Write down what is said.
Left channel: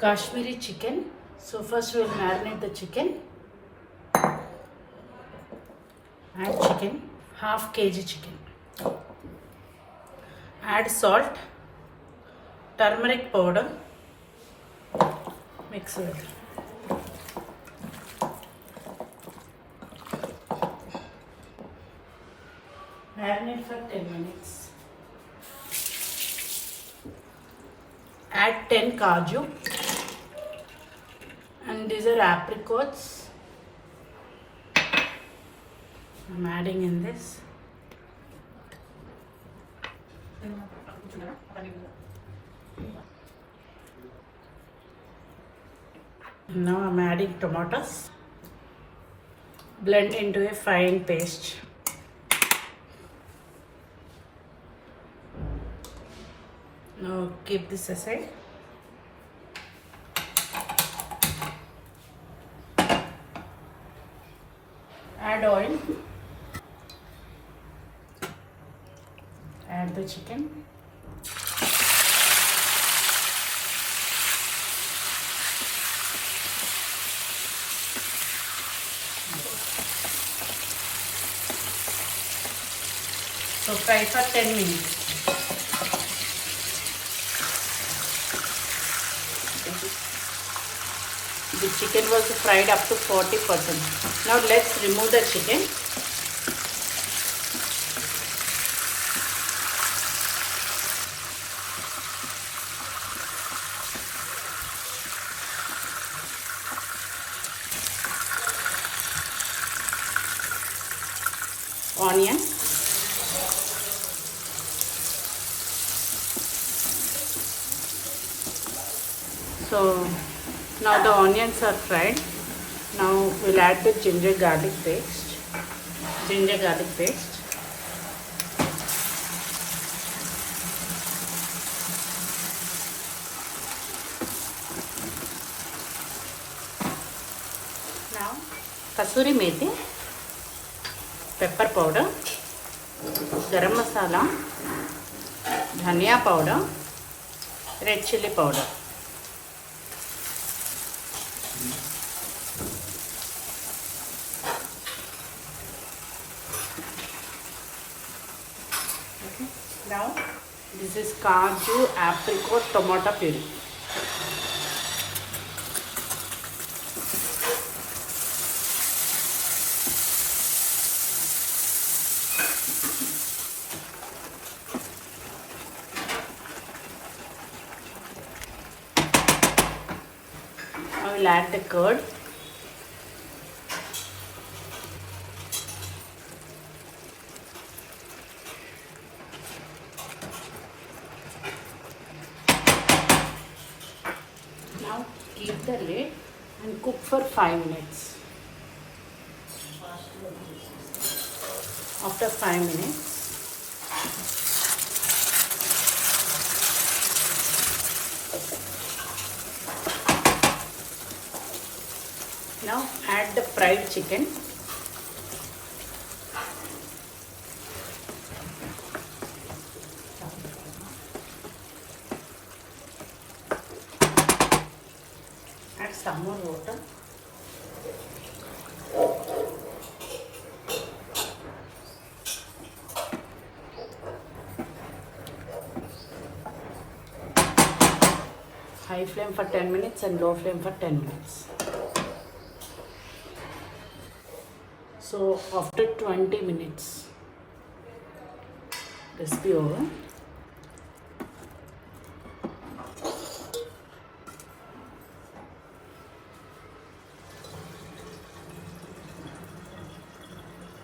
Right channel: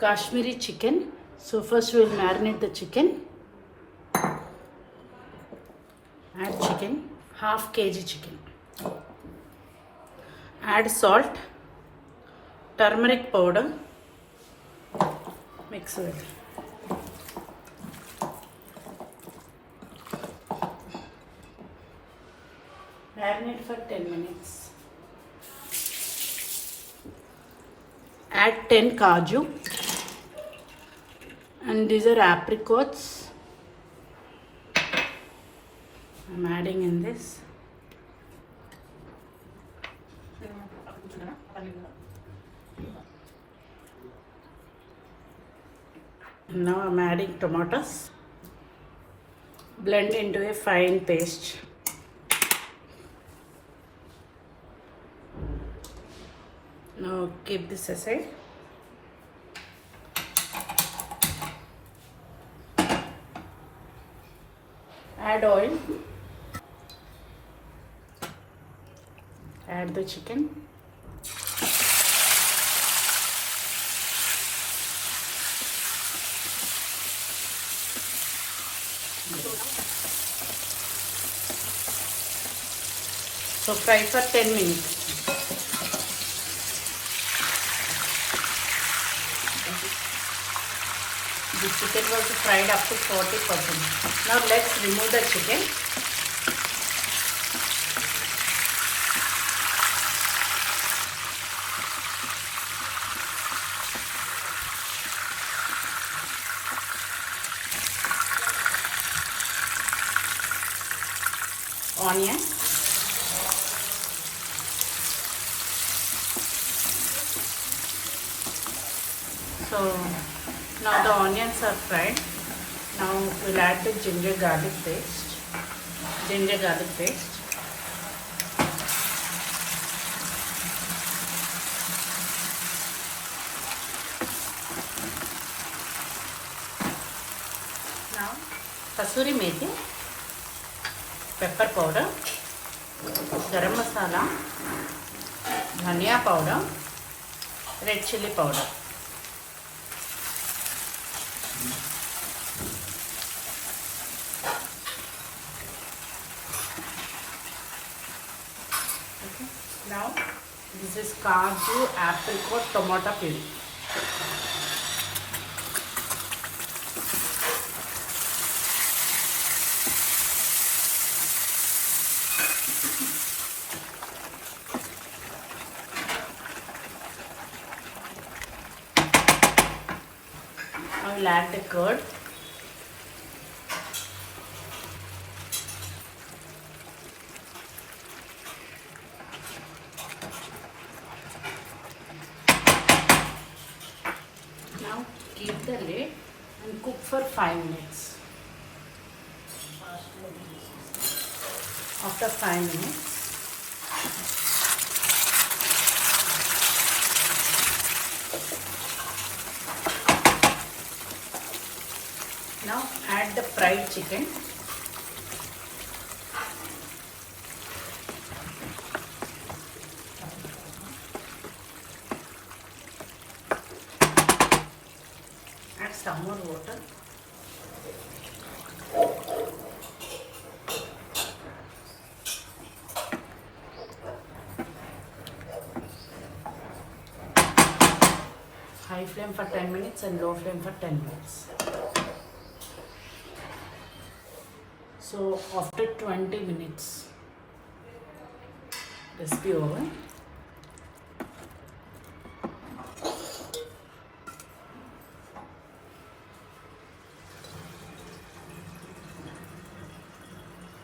Kashmiri chicken. So first we'll marinate the chicken. Add chicken, half kg chicken. Add salt, turmeric powder. Mix it. Marinate for 10 minutes. Add 10 kaju. And these are apricots. I'm adding in this. Now I'm adding tomatoes. Blend into a fine paste. Now keep this aside. Add oil. Add the chicken. So fry for 10 minutes. The chicken was fried up to 40%. Now let's remove the chicken. Onion. So now the onions are fried. Now we'll add the ginger garlic paste. Now kasuri methi, pepper powder, garam masala, dhania powder, red chili powder. Okay. Now this is kaju, apricot, tomato puree. I will add the curd. Now keep the lid and cook for 5 minutes. After 5 minutes, now add the fried chicken. Add some more water. High flame for 10 minutes and low flame for 10 minutes. So after 20 minutes, recipe over.